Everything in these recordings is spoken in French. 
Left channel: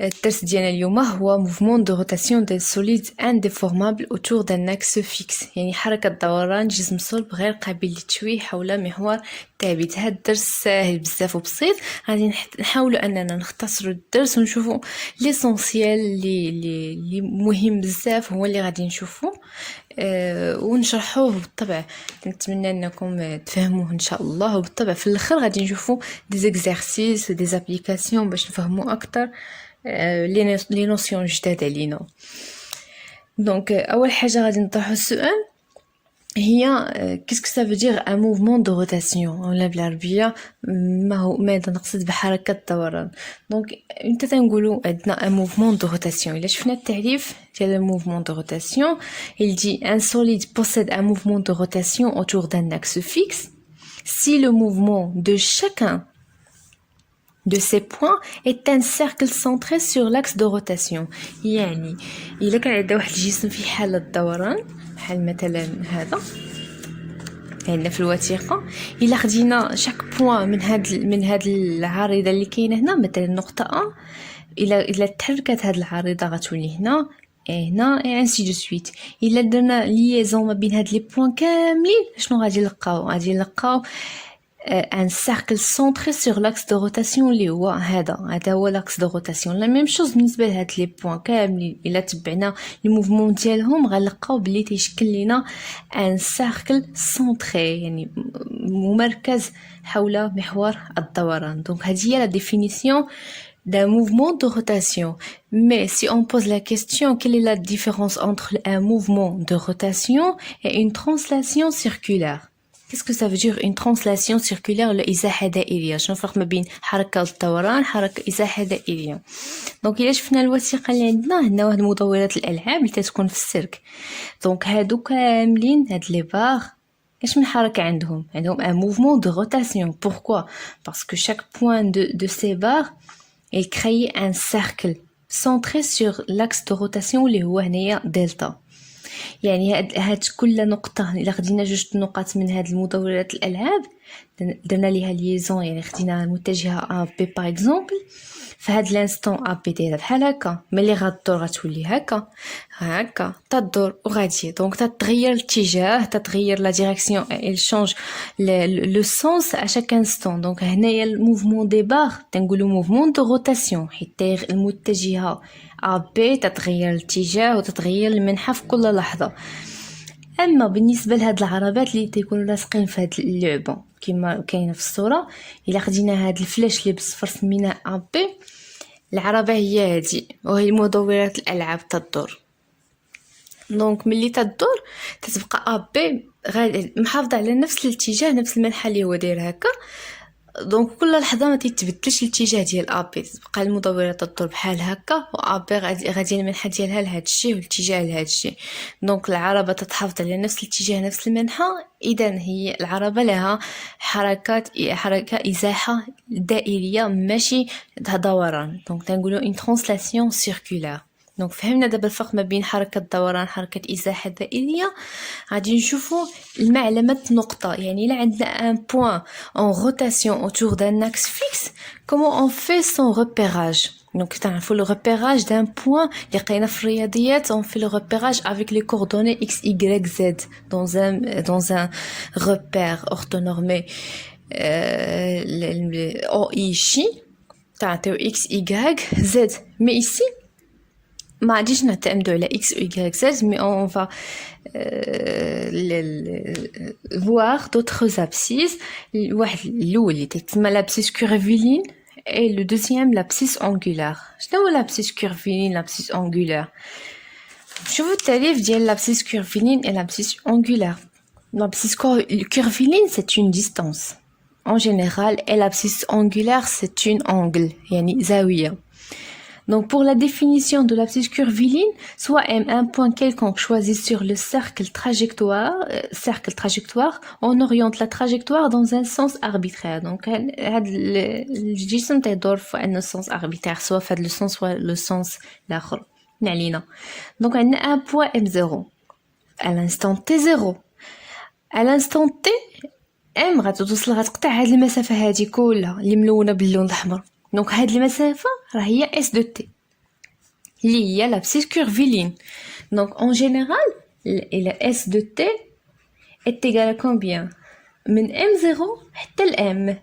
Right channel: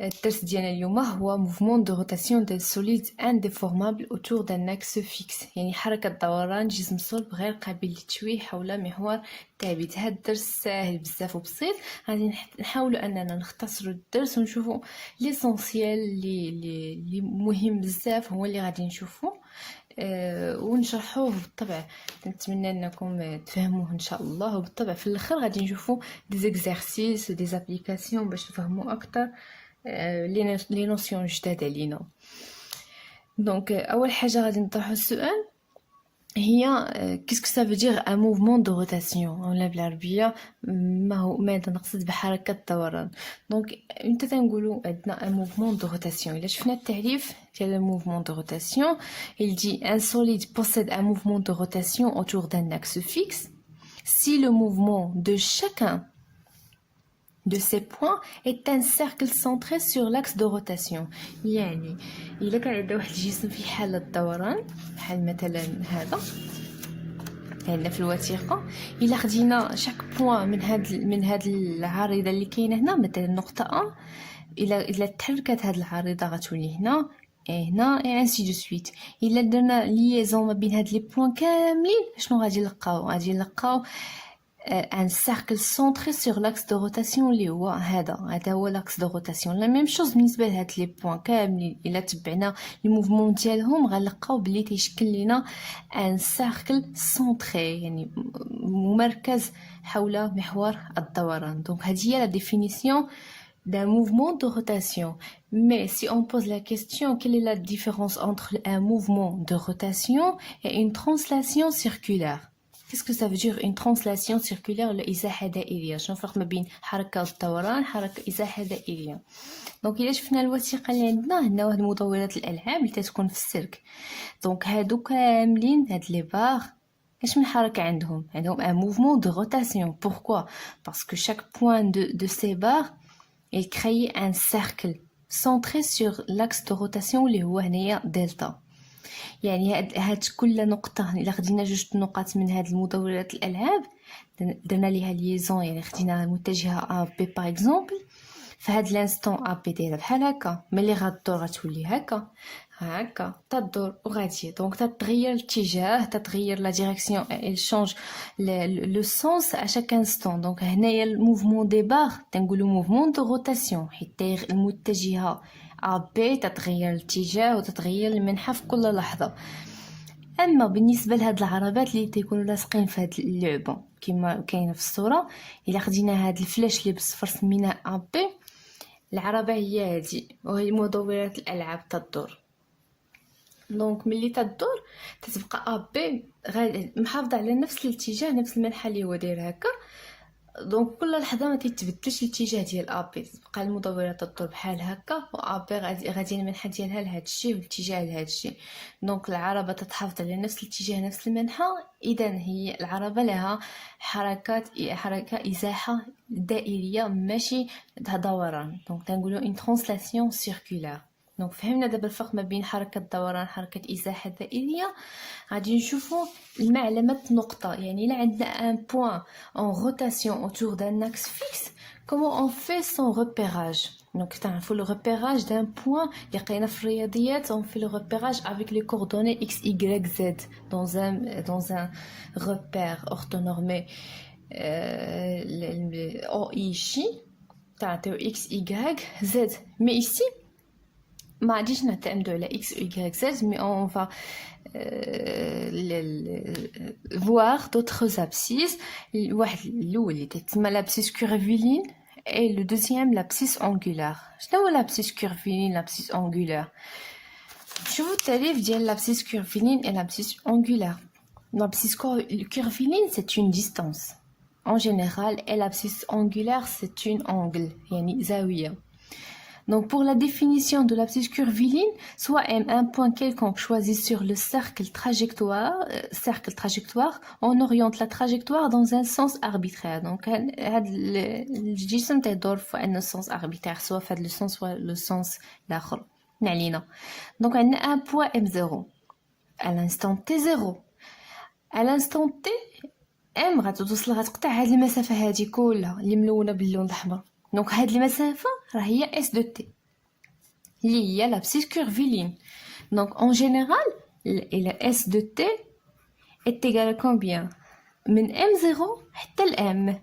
الدرس ديالنا اليوم هو موفمون دو روتاسيون دي سوليد انديفورمابل اوتور دان اكس فيكس، يعني حركة دوران جسم صلب غير قابل للتشويه حول محور ثابت. هذا الدرس ساهل بزاف وبسيط، غادي نحاولوا اننا نختصروا الدرس ونشوفوا ليسونسيال اللي مهم بزاف هو اللي غادي نشوفوا ونشرحوه بالطبع. نتمنى انكم تفهموه ان شاء الله، وبالطبع في الاخر غادي نشوفوا دي زيكزارسيس ودي زابليكاسيون باش نفهموا اكثر لي نوسيون جداد علينا. دونك اول حاجه غادي نطرحوا السؤال هي كيسكو سا فو دير ان موفمون دو روتاسيون، ولا بالعربيه ماذا نقصد بحركه الدوران. دونك امتى تنقولوا عندنا ان موفمون دو روتاسيون؟ الا شفنا التعريف ديال الموفمون دو روتاسيون، il dit un solide possède un mouvement de rotation autour d'un axe fixe si le mouvement de chacun de ces points est un cercle centré sur l'axe de rotation. يعني إلا كان عندنا واحد الجسم في حالة دوران بحال مثلا هذا عندنا في الوثيقة، إلا خدينا شاك بوين من هاد العارضة اللي كاينة هنا، مثلا نقطة A، إلا تحركت هاد العارضة غتولي هنا هنا ainsi de suite. إلا درنا ليزون ما بين هاد لي بوين كاملين شنو غادي نلقاو un cercle centré sur l'axe de rotation اللي هو هذا هو l'axe de rotation. لا ميم شوز بالنسبه لهاد لي بوين كاملين، الا تبعنا لي موفمون ديالهم غنلقاو بلي تيشكل لينا ان سيركل سونتري، يعني ممركز حول محور الدوران. دونك هذه هي لا ديفينيسيون d'un mouvement de rotation. Mais si on pose la question, quelle est la différence entre un mouvement de rotation et une translation circulaire? Qu'est-ce que ça veut dire une translation circulaire ولا إزاحة دائرية؟ شنو الفرق ما بين حركة الدوران حركة إزاحة دائرية؟ دونك إلا شفنا الوثيقة اللي عندنا واحد مدورات الألعاب اللي تتكون في السيرك، دونك هادو كاملين هاد لي باغ اش من حركة عندهم un mouvement de rotation. Pourquoi? Parce que chaque point de ces barres il crée un cercle centré sur l'axe de rotation اللي هو هنايا دلتا. يعني هاد كل نقطة إلا خدينا جوج نقاط من هاد المدورات الألعاب درنا ليها ليزون، يعني خدينا متجهة A B باغ اكزومبل، فهاد لانستون A B دايره بحال هكا، ملي غدور غتولي هكا تدور وغاديه. دونك تتغير الاتجاه، تتغير لا ديريكسيون، il change le sens à chaque instant. دونك هنايا الموفمون دي باغ تنقولوا موفمون دو روتاسيون، حيت المتجهة A B تتغير الاتجاه وتتغير المنحى في كل لحظة. اما بالنسبه لهاد العربات اللي تيكونوا لاصقين في هاد اللعبه كما كاينه في الصوره، الا خدينا هاد الفلاش اللي بالصفر سميناه A B، العربه هي هادي وهي مدورات الالعاب تدور. دونك ملي تدور تتبقى A B غادي محافظه على نفس الاتجاه، نفس المنحى اللي هو داير هكا. دونك كل لحظه ما تيتبدلش الاتجاه ديال A B، تبقى المدورات تدور بحال هكا، و A B غادي المنحى ديالها لهاد الشيء والاتجاه لهاد الشيء. دونك العربه تتحافظ على نفس الاتجاه نفس المنحى، اذا هي العربه لها حركه ازاحه دائريه ماشي دوران. دونك تنقولوا une translation circulaire. دونك فهمنا دابا الفرق ما بين حركه الدوران حركه ازاحه دائريه. غادي نشوفوا المعلمه نقطه، يعني الا عندنا ان بوين en rotation autour d'un axe fixe, comment on fait son repérage? Donc تعرفوا le repérage d'un point اللي قينا في الرياضيات، on fait le repérage avec les coordonnées x y z dans un repère orthonormé OI chi تعطيو x y z. mais ici ما غاديش نعتمدوا على x ou y z، mais on va voir d'autres abscisses. واحد الاول اللي تسمى l'abscisse curviligne et le deuxième l'abscisse angulaire. شنو هو l'abscisse curviligne l'abscisse angulaire؟ شوفوا التعريف ديال l'abscisse curviligne et l'abscisse angulaire. l'abscisse curviligne c'est une distance en général et l'abscisse angulaire c'est une angle يعني زاوية. Donc pour la définition de l'abscisse curviligne, soit un point quelconque choisi sur le cercle trajectoire, on oriente la trajectoire dans un sens arbitraire. Donc le جسم تدور في un sens arbitraire، soit في le sens soit le sens الآخر. نعلينا. Donc on a un point M0 à l'instant T0. À l'instant T M غتوصل غتقطع هاد المسافة هادي كلها اللي ملونة باللون الأحمر. دونك هاد المسافه راه هي اس دو تي. اللي هي l'abscisse curviligne. Donc en général, le S de T est égal à combien? من M0 حتى ل M.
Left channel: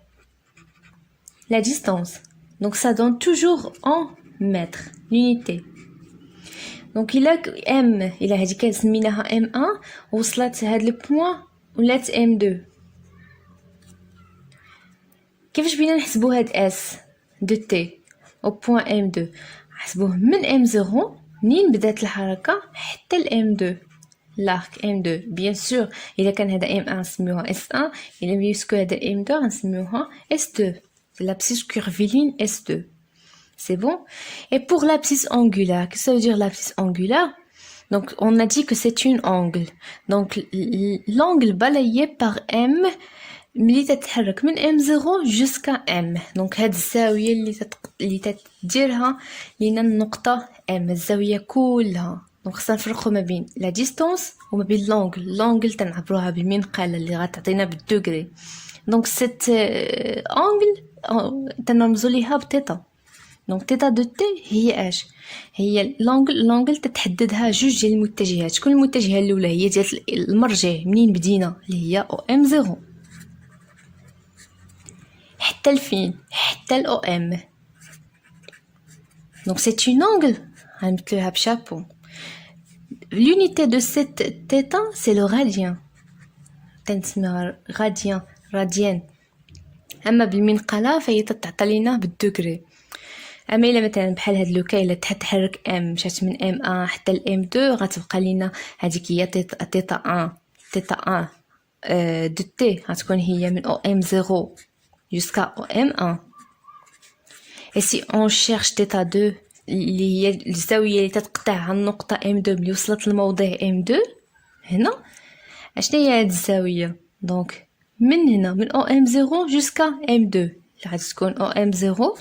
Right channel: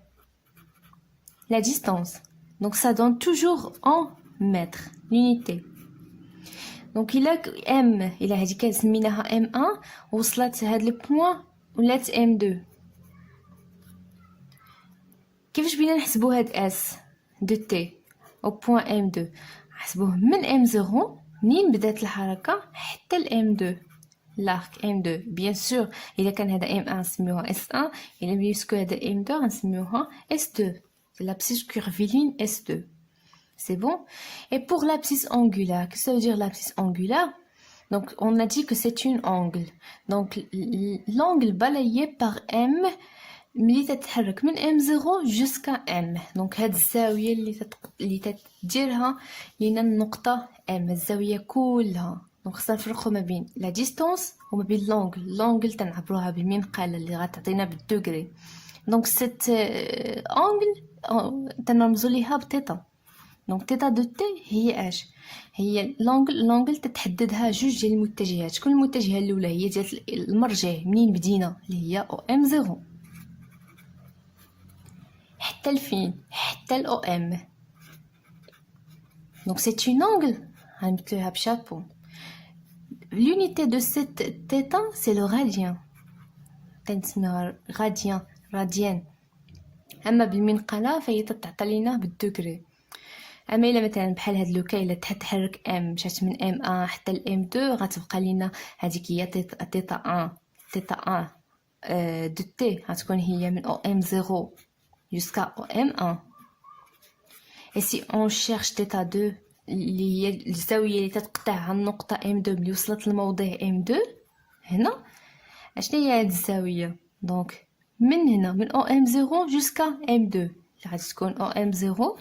La distance. Donc ça donne toujours en mètres, l'unité. Donc il a M, il a هذيك سميناها M1 وصلت هاد البوين ولات M2. كيفاش بينا نحسبوا هاد S de T au point M2؟ نحسبوه من M0 منين بدات الحركة حتى ل M2. l'arc M2 bien sûr إذا كان هذا M1 نسميوها S1 إلا بيسكو هذا M2 نسميوها S2. l'abscisse curviligne S2. C'est bon? Et pour l'abscisse angulaire, qu'est-ce que ça veut dire l'abscisse angulaire? Donc, on a dit que c'est une angle. Donc, l'angle balayé par M, اللي تتحرك من M0 jusqu'à M. Donc, هاد الزاوية اللي تديرها لينا النقطة M، الزاوية كلها. Donc, خصنا نفرقو ما بين la distance وما بين l'angle. l'angle تنعبروها بالمنقلة اللي غتعطينا بالدوغري. Donc, cet angle تنرمزو ليها بتيتا. دونك تيتا دو تي هي اش؟ هي لونغل تتحددها جوج ديال المتجهات. شكون المتجهه الاولى؟ هي ديال المرجع منين بدينا اللي هي او ام 0 حتى لفين؟ حتى الاو ام. دونك سي اون انغل غنمثلوها بشابو. l'unité de cette θ c'est le radien. تنسميها راديان. اما بالمنقله فهي تتعطى لينا بالدوغري. اما الا مثلا بحال هاد لوكا الا تحرك ام مشات من ام 1 حتى ل ام 2 غتبقى لينا هذيك هي تيتا 1 دو تي غتكون هي من او ام 0 jusqu'à او ام 1. et si on cherche تيتا 2 اللي هي الزاويه اللي تتقطع النقطه ام 2 اللي وصلت للموضع ام 2 هنا، اشنو هي هاد الزاويه؟ دونك من هنا من او ام 0 jusqu'à ام 2 اللي غتكون او ام 0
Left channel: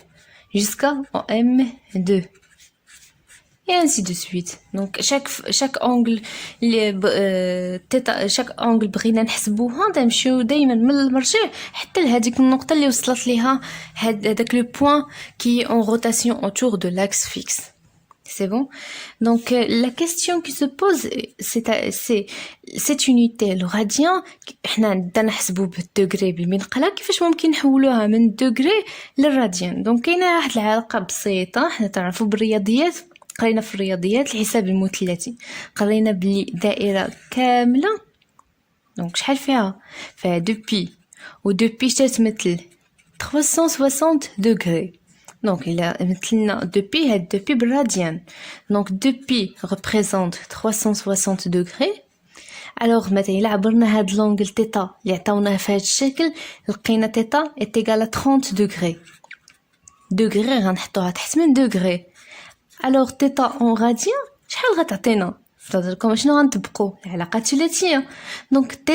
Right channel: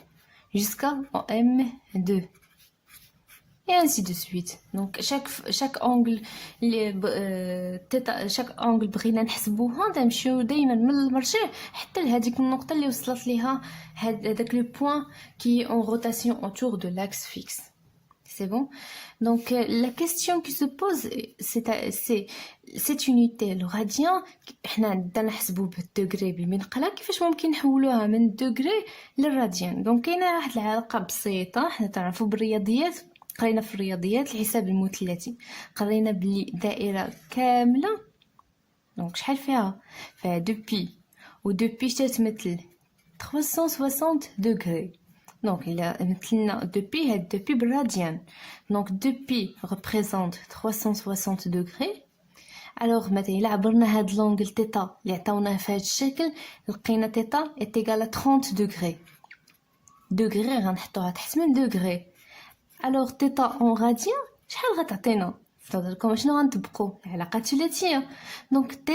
jusqu'à M2 et ainsi de suite. Donc chaque angle chaque angle بغينا نحسبوها نمشيو دائما من المرجع حتى لهذيك النقطه اللي وصلت ليها هذاك لو بوين qui est en rotation autour de l'axe fixe. C'est bon? Donc la question qui se pose c'est cette unité le radien حنا بدنا نحسبوا بالدوغري بالمنقله، كيفاش ممكن نحولوها من دوغري للراديان؟ دونك كاينه واحد العلاقه بسيطه حنا تعرفوا بالرياضيات، قرينا في الرياضيات الحساب المثلثي، قرينا بلي دائره كامله دونك شحال فيها 2 بي و 2 بي تتمثل 360 دوغري. Donc il a maintenant 2pi et 2pi radian. Donc 2pi représente 360 degrés. Alors مثلا إلا عبرنا هاد l'angle θ اللي عطاونا في هاد الشكل لقينا θ est égal à 30 degrés. degrés غنحطوها تحت من degrés. Alors θ en radien شحال غتعطينا؟ فدركم شنو غنطبقوا؟ العلاقة الثلاثية. Donc θ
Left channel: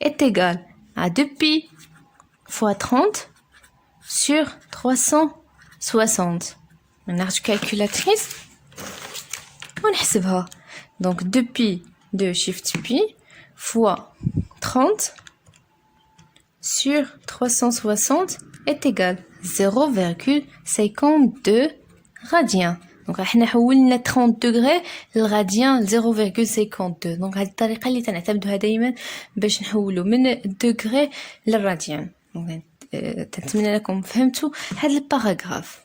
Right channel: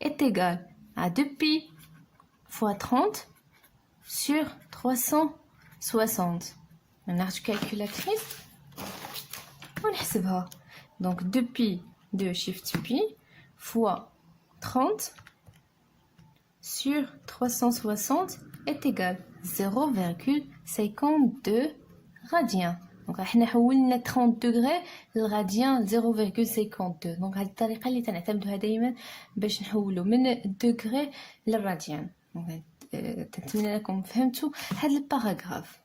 est égal à 2pi fois 30 sur 360. On a une calculatrice. On حسبها. Donc 2pi de shift pi fois 30 sur 360 est égal 0,52 radiens. Donc احنا حولنا 30 degrés للراديان 0,52. Donc هذه الطريقة اللي تنعتمدوها دائما باش نحولوا من الدوغري للراديان. نتمنى لكم فهمتوا هذا الباراغراف.